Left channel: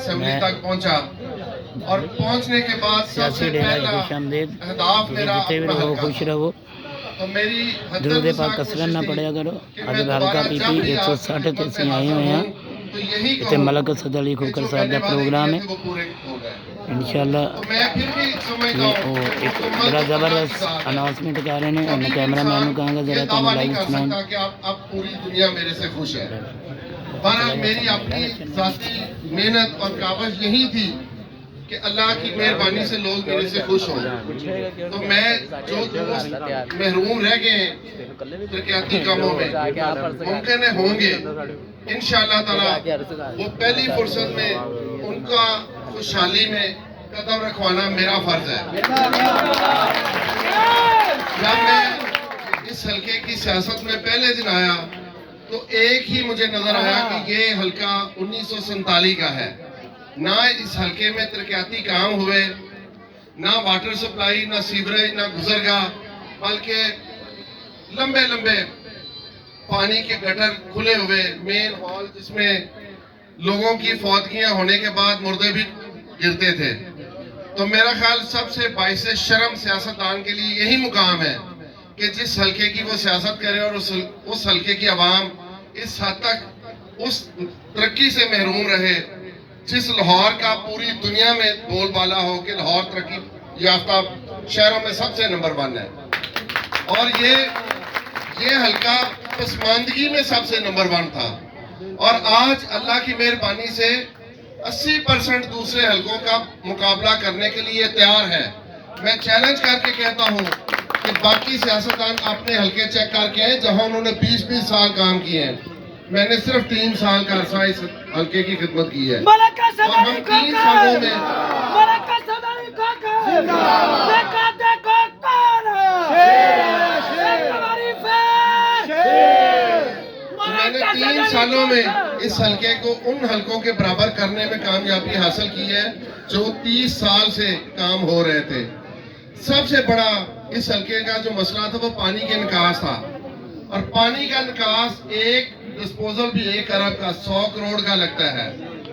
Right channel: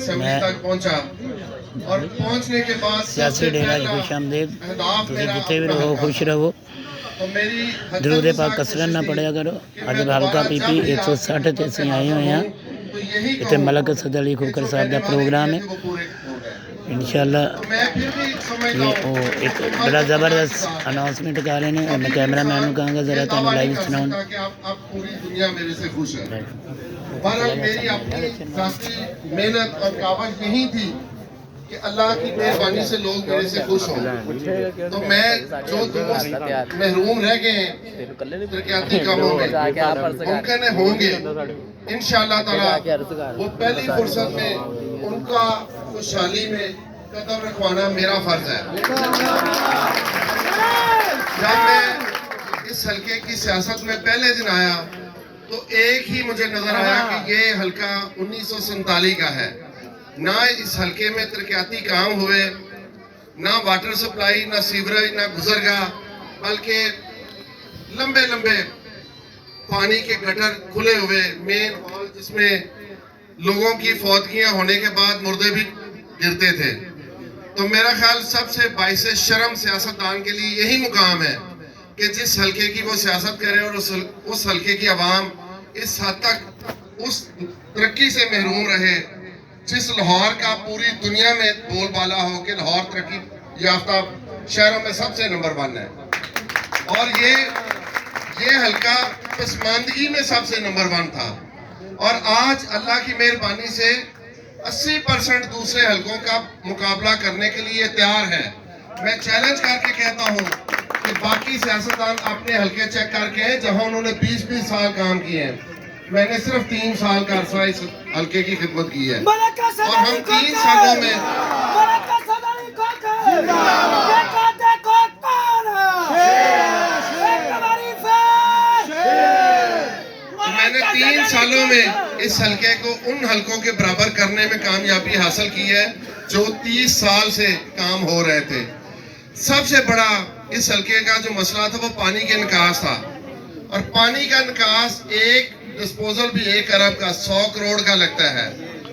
assembly تک پہنچا اور پہنچنے کے بعد سیاسی ڈیرہ خوش آمدید تسی جتے بھی رہو خوش رہو درود پاک کثرت نہ پڑھیا کرو اج حلقہ پی پی 160 تے اسی آئے ہوئے ہیں اتنے ملک اسد علی کھوکر صاحب دا پروگرام ہے انشاءاللہ یہ ایک بڑا زبردست اناؤنسمنٹ کر رہے ہیں اور میں کیمرہ مین کو کہاں گا ذرا تمہیں لائیو سناؤں اب پوری دنیا میرے سے خوش ہے بہرحال میری اپنی ذاتی محنت اور کاوش یہی تھی کہ اللہ کی مہربانی سے لوگ میرے سے خوش ہوں تو میں جو دوست محروم رہ گئے ہیں ترقیاتی کاموں میں ممکن ہے ہوں گے انشاءاللہ تعالی وہ پہلی فرصت میں ان کا خوشحالی میں قدم رکھوانا میرا فرض ہے جب میں اس حلقے کی سیاست میں پہلے دن آیا تو ایک ہی مجھے نظر آیا کہ یہ حلقہ 1947 کا ہے نہ اس حلقے میں ترقیاتی کام ہوئے نہ واٹر سپلائی نہ سیوریج نہ گزرگاہ بلکہ لمبے لمبے پانی کے گٹر کھلے ہوئے مین وال جس میں لوگوں کی فوتگیاں ہونے کے بعد مردے بھی گرتے تھے تو میرا خیال سب سے باعث شرم سیاستدان کے لیے یہی مقام ہے کہ جس حلقے کی وہ سیاست کرے اور اس حلقے کی عوام اس حد تک اس ترقی سے محروم رہے جس لاہور کا پوری دنیا میں بول بالا ہو کہ لاہور ترقی یافتہ شہروں میں سب سے نمبر 1 ہے اور یہ حلقہ پسماندگی میں سب سے نمبر 1 تھا اور آج اللہ کی مہربانی سے 80% دوسرے حلقوں کا مقابلہ کرنے کے لیے تیار ہے میں چیلنج کر کے کہتا ہوں کہ باقی سیاستدان اپنے حلقے چیک کر کے ہیں جہاں انہوں نے 20-20 سال کام کیے ہیں میں نے صرف 3 سال کا عرصہ اس حلقے کی خدمت کی ہے اور ہم 3 سالوں میں میں نے 3 سالوں میں اس حلقے کو ان حلقوں کے برابر کرنے میں کامیابی حاصل کی ہے جو 30 سال سے کام ہو رہے تھے سب سے بڑا اس حلقے کا جو مسئلہ تھا وہ پانی کے نکاس تھا اور پانی کا نکاس ایک ڈسپوزل بھی 1 ارب کا 100 کروڑ کا لگتا ہے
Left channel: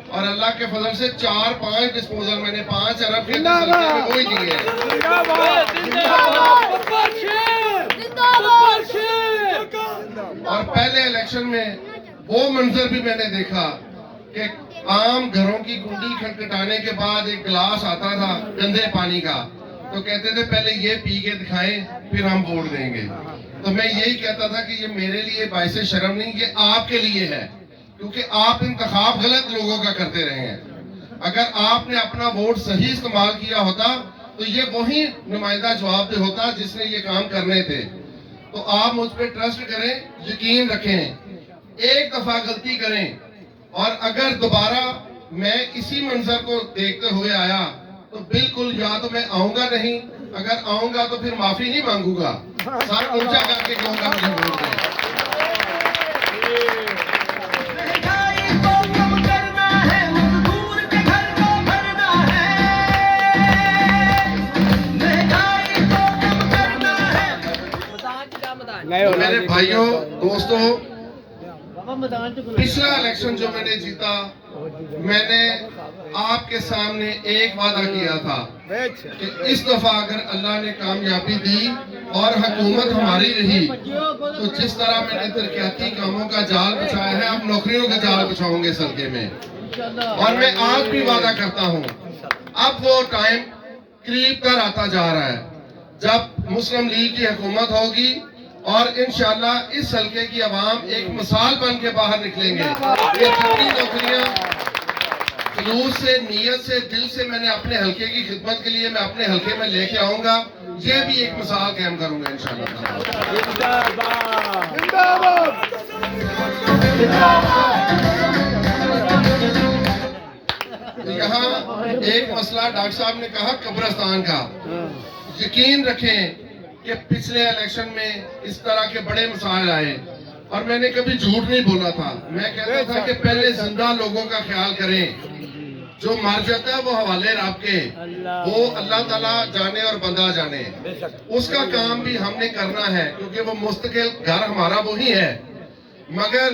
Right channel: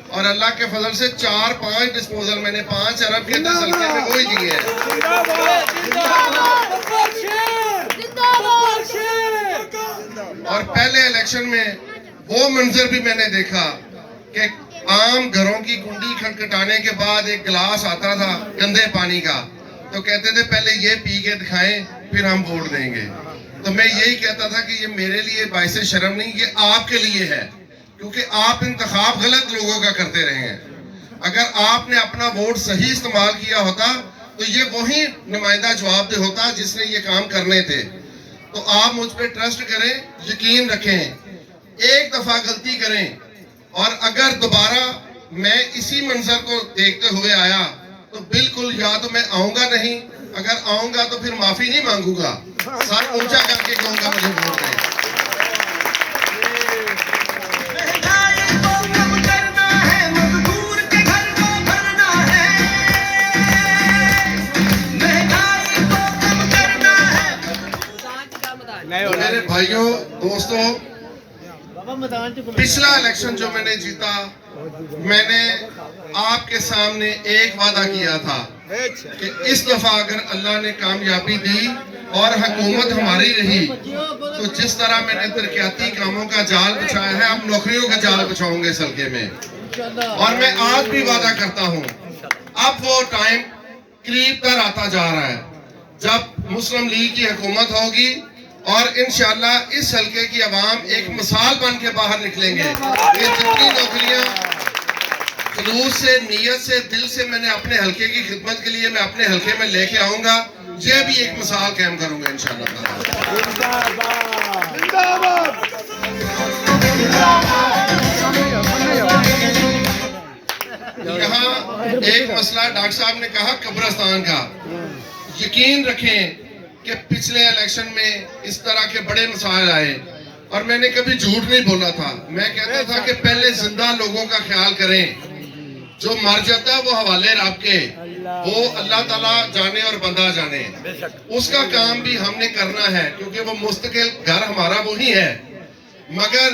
اور اللہ کے فضل سے 4-5 ڈسپوزل میں نے 5 ارب کے اس حلقے میں وہی دیے ہیں اور پہلے الیکشن میں وہ منظر بھی میں نے دیکھا کہ عام گھروں کی کنڈی کھٹکھٹانے کے بعد ایک گلاس آتا تھا گندے پانی کا تو کہتے تھے پہلے یہ پی کے دکھائیں پھر ہم ووٹ دیں گے تو میں یہی کہتا تھا کہ یہ میرے لیے باعث شرم نہیں یہ آپ کے لیے ہے کیونکہ آپ انتخاب غلط لوگوں کا کرتے رہے ہیں اگر آپ نے اپنا ووٹ صحیح استعمال کیا ہوتا تو یہ وہی نمائندہ جواب دہ ہوتا جس نے یہ کام کرنے تھے تو آپ مجھ پہ ٹرسٹ کریں یقین رکھیں ایک دفعہ غلطی کریں اور اگر دوبارہ میں اسی منظر کو دیکھتے ہوئے آیا تو بالکل یا تو میں آؤں گا نہیں اگر آؤں گا تو پھر معافی نہیں مانگوں گا سر اونچا کر کے کہوں گا مجھے ووٹ دیں میرے بھائیوں دوستوں پچھلا الیکشن جو میں نے جیتا میں نے آپ کے سامنے ایک وعدہ کیا تھا کہ اس دفعہ اگر اللہ نے کامیابی دی اور حکومت ہماری رہی تو جس طرح میں نے ترقیاتی کاموں کا جال بچھایا ہے اب نوکریوں کا جال بچھاؤں گے اس حلقے میں اور میں آج بھی وعدہ کرتا ہوں اب وہ ٹائم قریب تر آتا جا رہا ہے جب مسلم لیگ کی حکومت ہوگی اور انشاءاللہ اس حلقے کی عوام ایک مثال بن کے باہر نکلیں گے یہ جتنی نوکریاں خلوص سے نیت سے دل سے میں نے اپنے حلقے کی خدمت کے لیے میں اپنے حلقے میں لے کے آؤں گا یہ بھی ایک مثال قائم کروں گا انشاءاللہ یہاں ایک مسئلہ ڈاکٹر صاحب نے کہا قبرستان کا یقین رکھیں کہ پچھلے الیکشن میں اس طرح کے بڑے مسائل آئے اور میں نے کبھی جھوٹ نہیں بولا تھا میں کہتا تھا کہ پہلے زندہ لوگوں کا خیال کریں جو مر جاتا ہے وہ حوالے رب کے وہ اللہ تعالیٰ جانے اور بندہ جانے اس کا کام بھی ہم نے کرنا ہے کیونکہ وہ مستقل گھر ہمارا وہی ہے مگر